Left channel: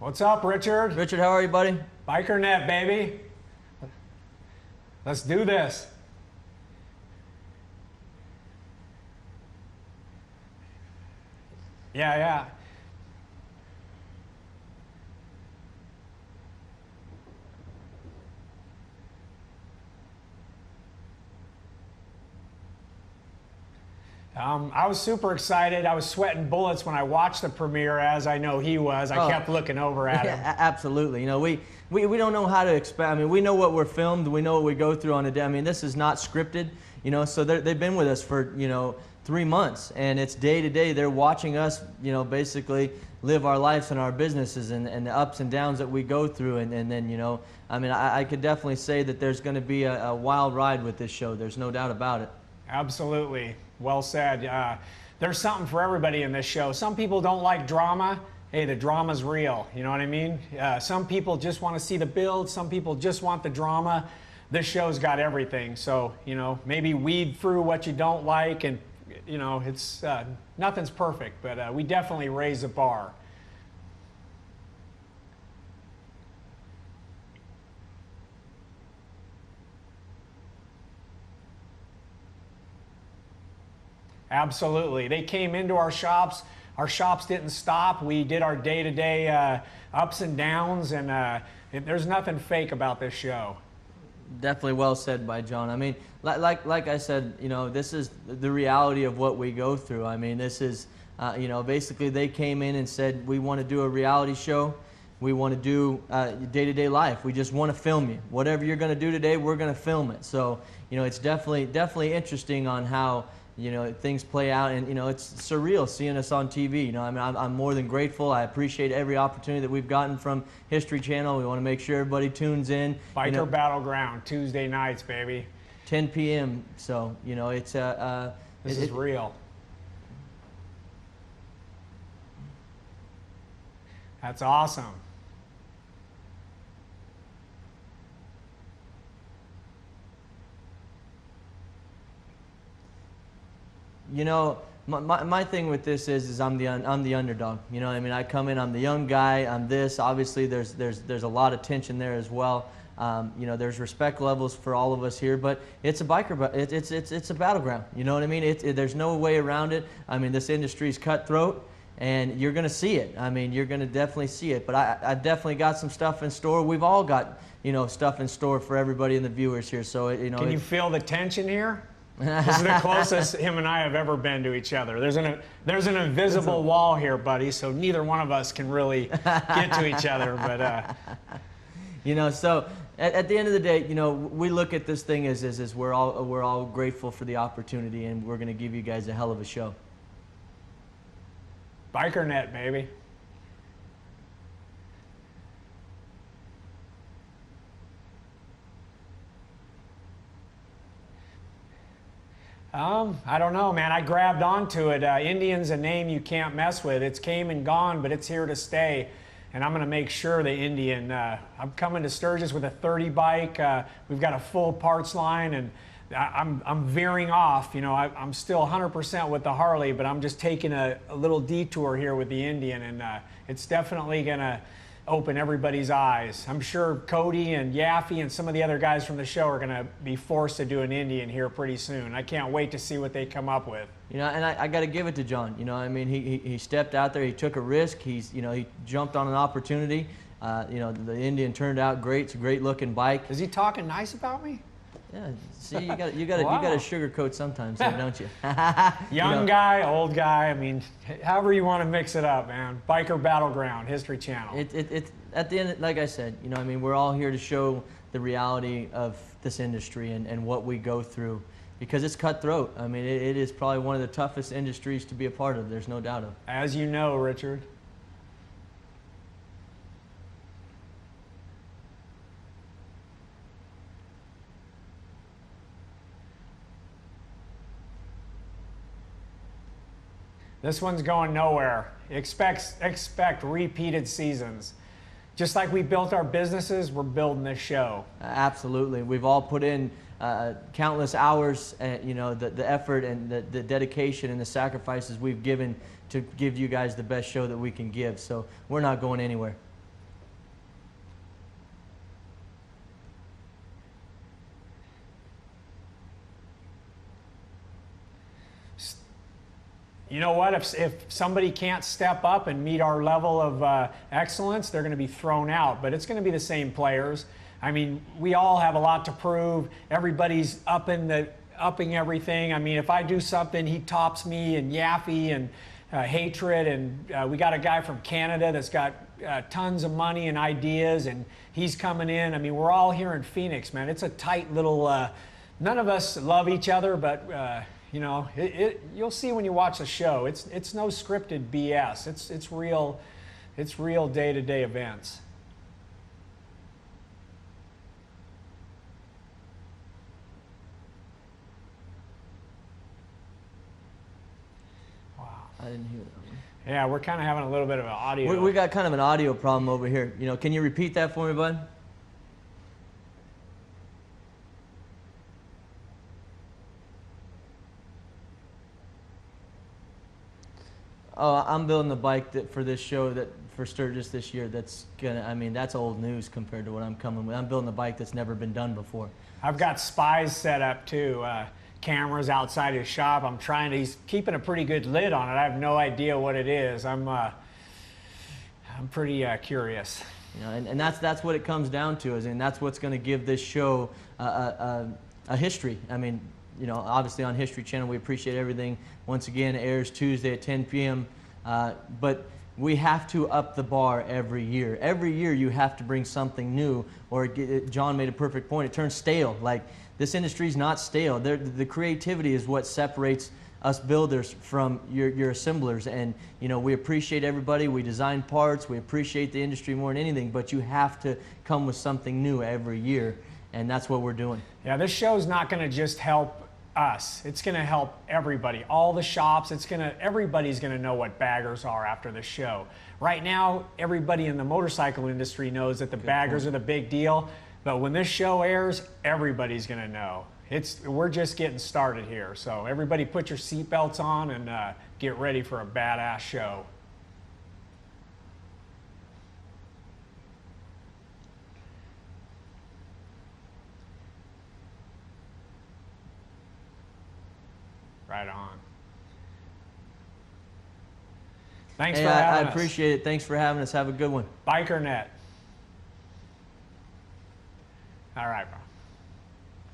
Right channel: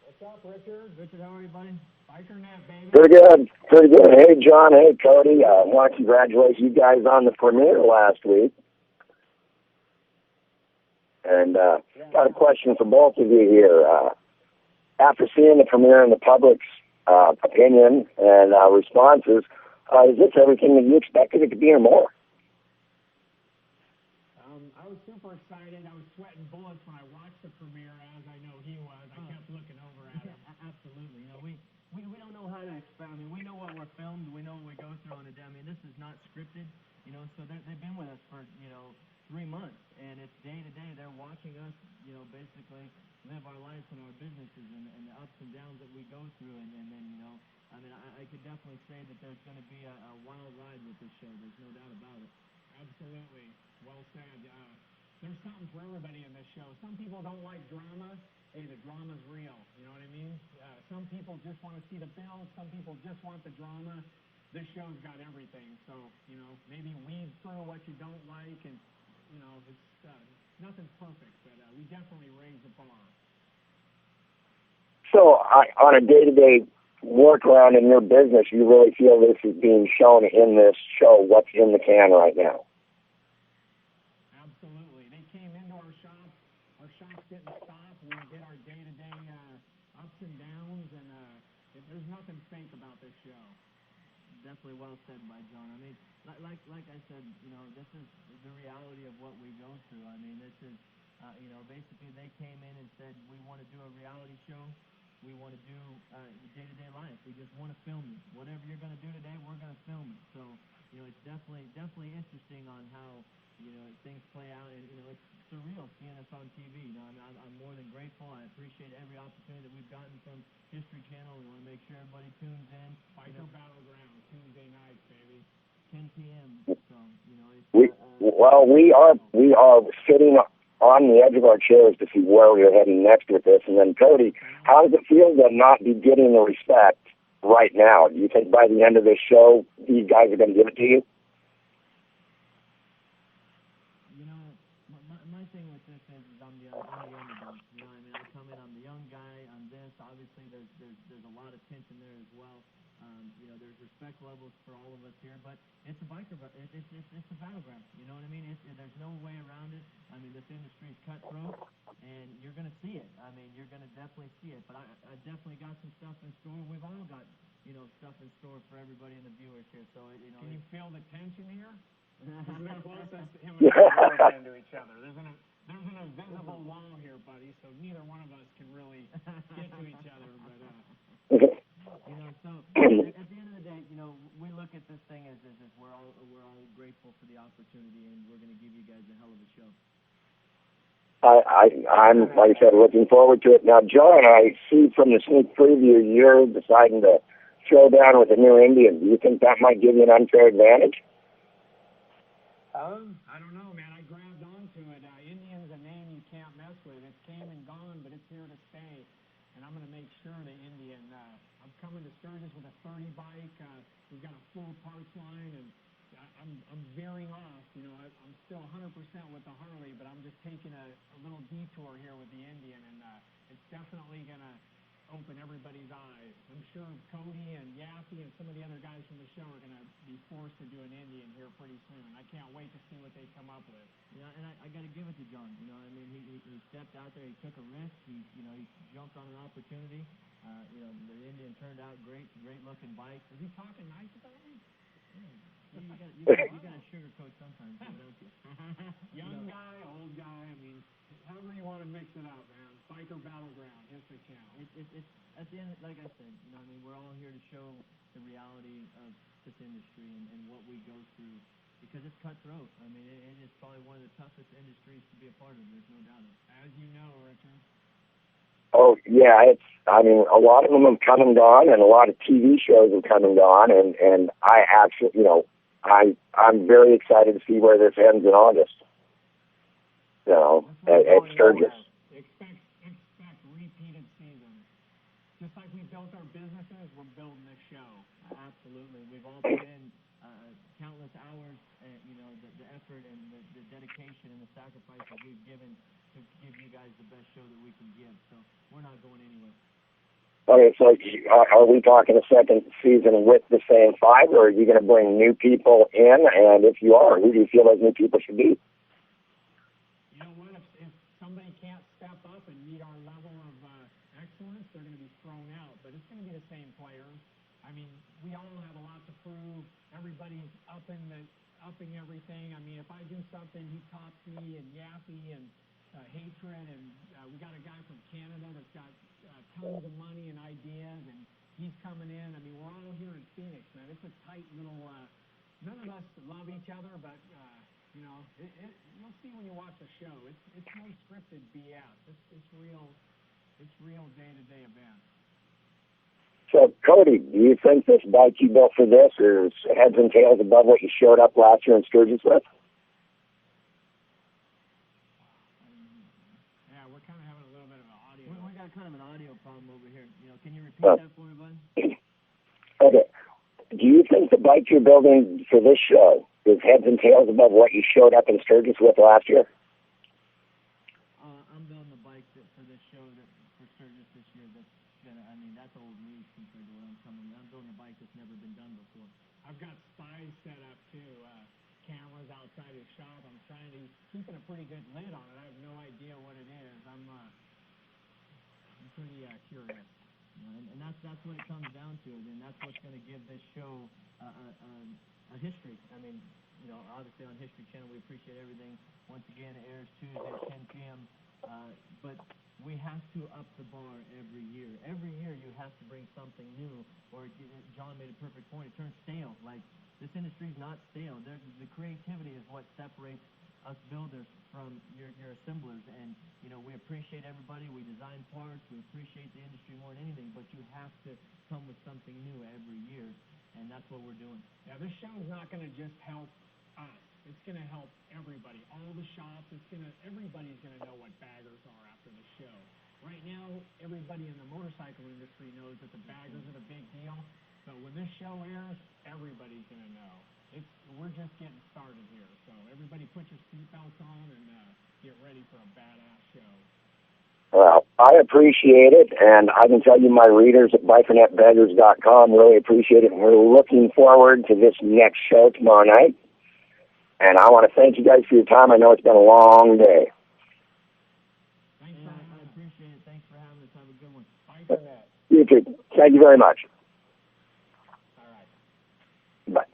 What's up, Richard? Richard, how are you, buddy? BikerNet, baby. Pretty good. Pretty good. Hey, John. Hey, Kody. Let's do this. I want to congratulate you guys on the premiere last week. And got a question for both of you here. After seeing the premiere and the public's opinion and responses, is this everything that you expected it to be or more? I was super excited. I was sweating bullets when I watched the premiere, as I know he was. I kept looking over at him. Absolutely. You know, we don't know how to expect. I mean, we know what we're filmed. We know what we go through on a day. I mean, this is not scripted. You know, so they've been with us for 3 months, and it's day to day. They're watching us, basically live our lives and our businesses and the ups and downs that we go through. And then, I mean, I could definitely say that there's going to be a wild ride with this show. There's no doubt about it. Absolutely. Well said. There's something for everybody in this show. Some people don't like drama. Hey, the drama's real. You know what I mean? Some people just want to see the build. Some people just want the drama. This show's got everything. So, maybe weed through what you don't like. And, it's nothing's perfect, but we definitely raise the bar. So, on a day-to-day workaround in your business, you really feel this is being shown in this show, what's in the can right now? Absolutely. They came into our shops. Our shops didn't stop. We did our day-to-day ups and downs, and there's nothing fake about this show. Definitely well said by John. I mean, like I said, this is the reality of what we go through. I mean, this is, basically they came in and said, we want to do a reality show. We want to do day-to-day life. We just want to film you. Whatever you're going to do today, we're going to film it. So, it's definitely interesting on how things play out, and it's surreal seeing us on TV. I mean, I'm more than grateful. I appreciate every opportunity that we've gotten from History Channel. We want to make sure everybody tunes in. Biker Battleground Tuesday nights, baby. 10 p.m. So it's we are sitting on the edge of our chairs to see where we're heading next with this. And then Kody, that's awesome. How does it feel to not be getting the respect right now? Do you think by the end of this show, these guys are going to give it to you? My thing with this is I'm the underdog. You know what I mean? I come in, I'm the young guy. I'm this. Obviously, there's a lot of tension there as well. There's respect levels for all of us here, but it's a it's a battleground. You know what I mean? There's no way around it. I mean, this industry's cutthroat, and you're going to see it. I mean, you're going to definitely see it. But I definitely got some stuff in store. We've all got stuff in store for everybody and the viewers here. So Can you feel the tension here? This is the closest him and I have ever been to each other. There's an invisible wall here, buddy, so neither one of us can really get to each other. But so at the end of the day, we look at this thing as we're all grateful for the opportunity, and we're going to give you guys a hell of a show. I'm like I said, looking forward to it. Now, John, I see from the sneak preview you're deciding to throw down with a new Indian. Do you think that might give you an unfair advantage? I don't know, man. I grabbed onto it. Indian's a name you can't mess with. It's came and gone, but it's here to stay. And I'm going to make sure the Indian, I'm coming to Sturgis with a 30 bike. We've got a full parts line, and I'm veering off. I'm still 100% with the Harley, but I'm just taking a little detour here with the Indian, and it's definitely going to open everybody's eyes. I'm sure Kody and Yaffe and some of the other guys from the show are going to be forced to do an Indian here pretty soon. I can't wait to see what they come up with. And I got to give it to John. I mean, he stepped out there. He took a risk. He jumped on an opportunity. The Indian turned out great. It's a great looking bike. Is he talking nice about me? Yeah. See, you got to sugarcoat sometimes, don't you? Young guy, old guy. I mean, however you want to mix it up, man. Biker Battleground, History Channel. It's at the end, like I said, I mean, we're all here to show the reality of this industry and what we go through, because it's cutthroat. I mean, it is probably one of the toughest industries to be a part of. There's no doubt of it. As you know, Richard. Oh yeah, I mean, a lot of them have come and gone, and a lot of TV shows have come and gone, and I actually, I'm very excited to see where this ends in August. This one's going nowhere. Expect repeated seasons. Just like we built our businesses, we're building this show. Absolutely. We've all put in countless hours, the effort and the dedication and the sacrifices we've given to give you guys the best show that we can give. So we're not going anywhere. Okay, so are we talking a second season with the same 5, or are you going to bring new people in? And if you are, who do you feel like new people should be? You know what? If somebody can't step up and meet our level of excellence, they're going to be thrown out. But it's going to be the same players. I mean, we all have a lot to prove. Everybody's upping everything. I mean, if I do something, he tops me in Yaffe and hatred. And we got a guy from Canada that's got tons of money and ideas, and he's coming in. I mean, we're all here in Phoenix, man. It's a tight little. None of us love each other, but you know, you'll see when you watch the show. It's no scripted BS. It's real. It's real day-to-day events. So, Kody, do you think this bike you built for this is heads and tails above what you showed up last year in Sturgis with? Wow. I didn't hear that. Yeah, we're kind of having a little bit of an audio. We got kind of an audio problem over here. You know, can you repeat that for me, bud? Okay. Do you think the bike you're building for this show is heads and tails above what you showed up in Sturgis with last year? Oh, I'm building the bike for this show for Sturgis this year. That's gonna. I mean, that's old news compared to what I'm coming with. I'm building a bike that's never been done before. I've got spies set up too. Cameras outside his shop. He's keeping a pretty good lid on it. I have no idea what it is. I'm pretty curious. You know, and that's what it comes down to, and that's what's going to give this show a history. I mean, you know, obviously on History Channel, we appreciate everything. Once again, it airs Tuesday at 10 p.m. But we have to up the bar every year. Every year you have to bring something new, or John made a perfect point. It turns stale. Like, this industry is not stale. The creativity is what separates us builders from your assemblers. And, you know, we appreciate everybody. We design parts. We appreciate the industry more than anything. But you have to come with something new every year. And that's what we're doing. Yeah, this show's not going to just help us. It's going to help everybody, all the shops. Everybody's going to know what baggers are after the show. Right now, everybody in the motorcycle industry knows that the baggers are the big deal. But when this show airs, everybody's going to know. We're just getting started here. So everybody put your seatbelts on and get ready for a badass show. Well, I appreciate it, and I can tell you my readers at BikerNetBaggers.com really appreciate it, and we're looking forward to this next show tomorrow night. And I want to thank you guys for your time. I know it's been a long day. Thanks for having us. I appreciate it. Thanks for having us. Have a good one. BikerNet. You too. Thank you very much. All right, bro. Bye.